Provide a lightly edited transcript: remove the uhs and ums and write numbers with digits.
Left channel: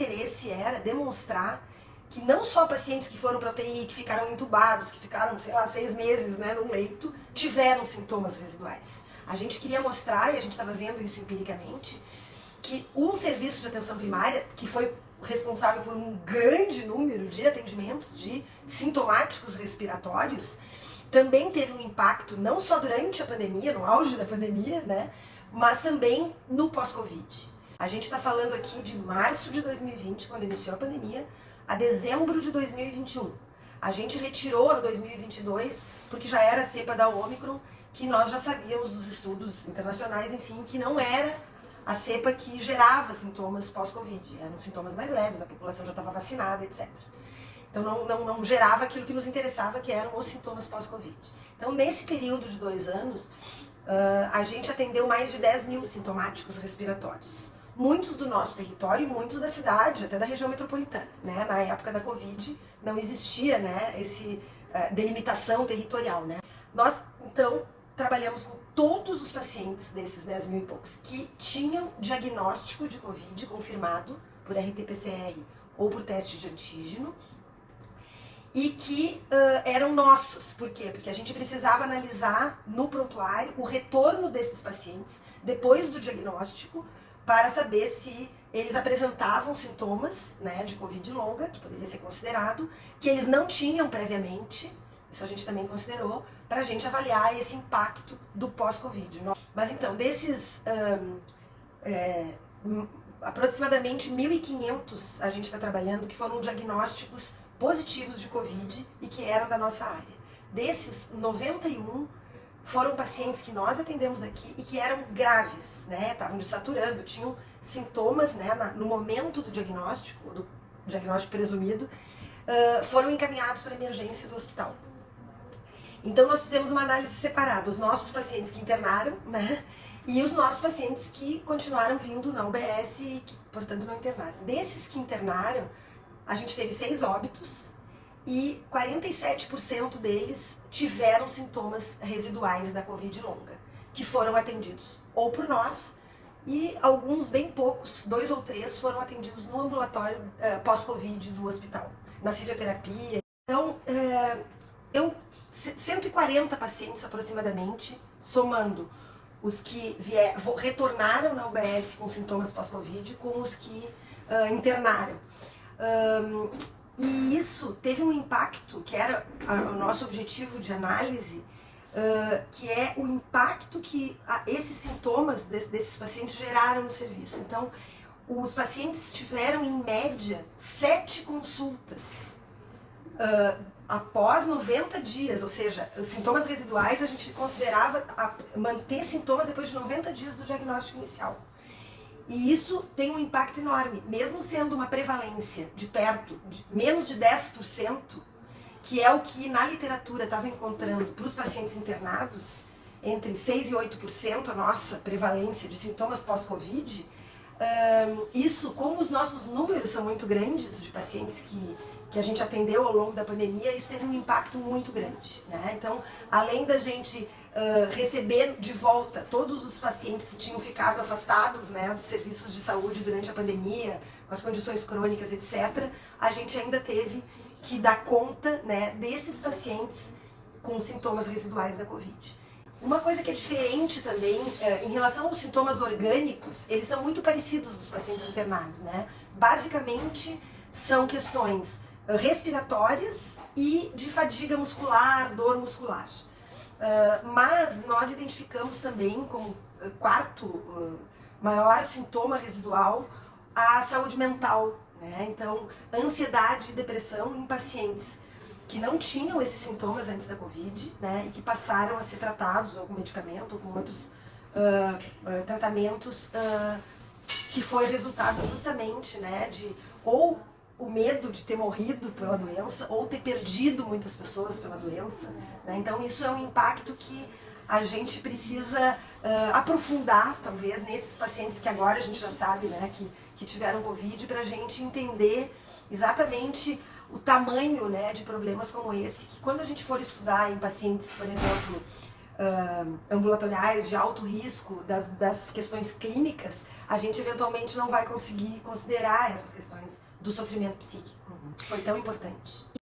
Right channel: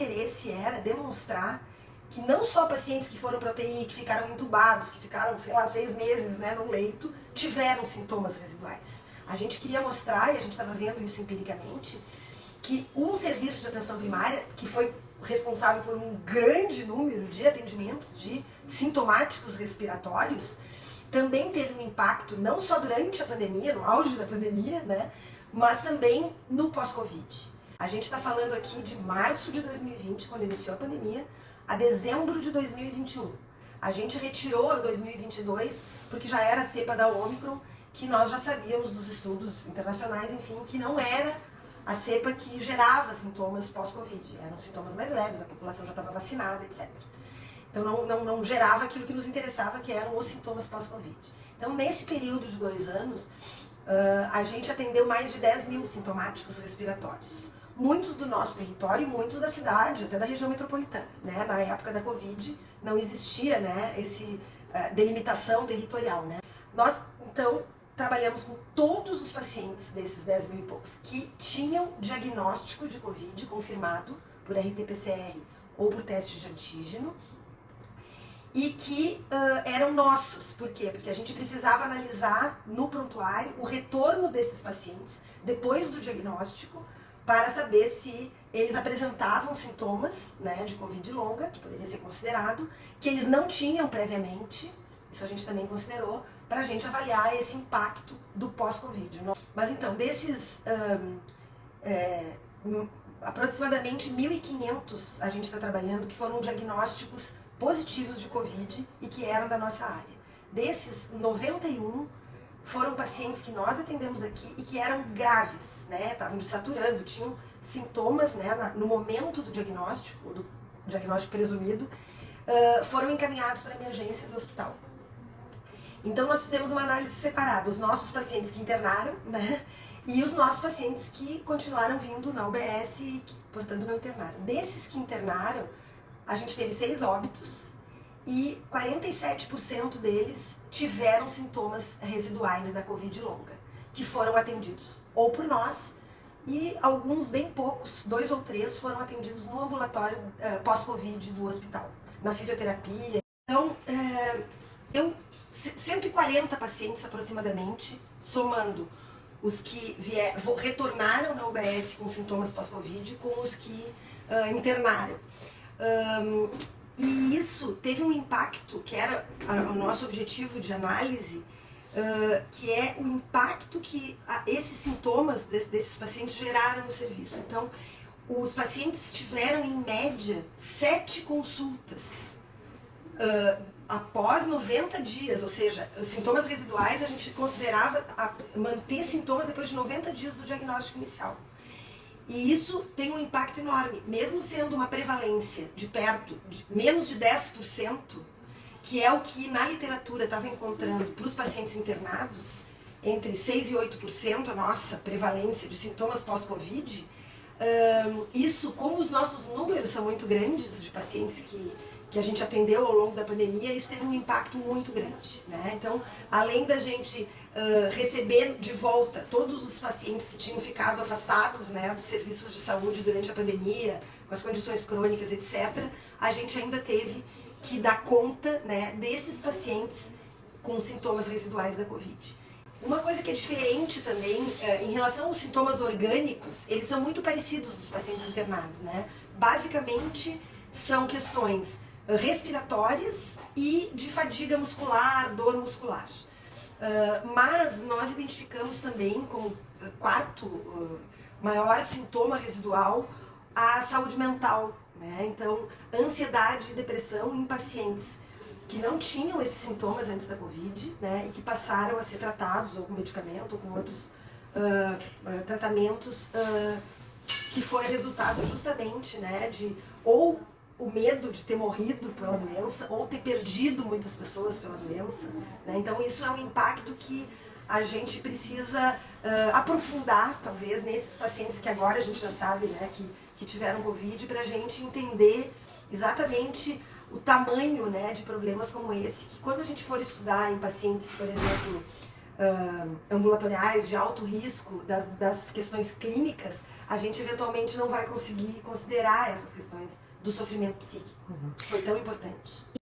interesse era demonstrar que não só pacientes que foram para UTI, que ficaram entubados, que ficaram, sei lá, 6 meses, né, no leito, tiveram sintomas residuais. A gente queria mostrar, e a gente estava vendo isso empiricamente, que um serviço de atenção primária, que foi responsável por um grande número de atendimentos de sintomáticos respiratórios, também teve um impacto não só durante a pandemia, no auge da pandemia, né, mas também no pós-Covid. A gente está falando aqui de março de 2020, quando iniciou a pandemia, a dezembro de 2021. A gente retirou a 2022 porque já era a cepa da Ômicron, que nós já sabíamos dos estudos internacionais, enfim, que não era a cepa que gerava sintomas pós-Covid. Eram sintomas mais leves, a população já estava vacinada, etc. Então não gerava aquilo que nos interessava, que eram os sintomas pós-Covid. Então, nesse período de 2 anos, a gente atendeu mais de 10 mil sintomáticos respiratórios. Muitos do nosso território e muitos da cidade, até da região metropolitana. Né? Na época da Covid não existia, né, esse delimitação territorial. Né? Nós, então, trabalhamos com todos os pacientes desses 10 mil e poucos que tinham diagnóstico de Covid confirmado por RT-PCR ou por teste de antígeno e que eram nossos. Por quê? Porque a gente precisava analisar no prontuário o retorno desses pacientes depois do diagnóstico para saber se eles apresentavam sintomas, né, de Covid longa, que poderia ser considerado, que eles não tinham previamente, isso a gente também considerou, para a gente avaliar esse impacto do pós-Covid. Mas então, desses aproximadamente 1.500 a gente está trabalhando que foram diagnósticos positivos de Covid e que eram da nossa área. Desses, 91 foram pacientes que nós atendemos aqui e que eram graves, né? Estavam desaturando, tinham sintomas, né, no momento do diagnóstico presumido, foram encaminhados para a emergência do hospital. Então nós fizemos uma análise separada, os nossos pacientes que internaram, né, e os nossos pacientes que continuaram vindo na UBS e que, portanto, não internaram. Desses que internaram, a gente teve 6 óbitos e 47% deles tiveram sintomas residuais da Covid longa, que foram atendidos ou por nós, e alguns, bem poucos, 2 ou 3, foram atendidos no ambulatório pós-Covid do hospital, na fisioterapia. Então, 140 pacientes aproximadamente, somando os que retornaram na UBS com sintomas pós-Covid com os que internaram. E isso teve um impacto, que era o nosso objetivo de análise, que é o impacto que esses sintomas desses pacientes geraram no serviço. Então, os pacientes tiveram, em média, 7 consultas após 90 dias, ou seja, os sintomas residuais a gente considerava manter sintomas depois de 90 dias do diagnóstico inicial. E isso tem um impacto enorme, mesmo sendo uma prevalência de perto de menos de 10%, que é o que na literatura estava encontrando para os pacientes internados, entre 6% e 8% a nossa prevalência de sintomas pós-Covid. Isso, como os nossos números são muito grandes de pacientes que a gente atendeu ao longo da pandemia, isso teve um impacto muito grande. Né? Então, além da gente receber de volta todos os pacientes que tinham ficado afastados, né, dos serviços de saúde durante a pandemia, com as condições crônicas, etc., a gente ainda teve que dar conta, né, desses pacientes com sintomas residuais da Covid. Uma coisa que é diferente também, em relação aos sintomas orgânicos, eles são muito parecidos dos pacientes internados, né? Basicamente, são questões respiratórias e de fadiga muscular, dor muscular. Mas nós identificamos também como quarto maior sintoma residual a saúde mental, né? Então, ansiedade e depressão em pacientes que não tinham esses sintomas antes da Covid, né, e que passaram a ser tratados ou com medicamento ou com outros tratamentos que foi resultado justamente, né, de ou o medo de ter morrido pela doença ou ter perdido muitas pessoas pela doença. Né? Então isso é um impacto que a gente precisa aprofundar, talvez, nesses pacientes que agora a gente já sabe, né, que tiveram Covid, para a gente entender exatamente o tamanho, né, de problemas como esse, que quando a gente for estudar em pacientes, por exemplo, ambulatoriais de alto risco, das questões clínicas, a gente eventualmente não vai conseguir considerar essas questões do sofrimento psíquico. Foi tão importante.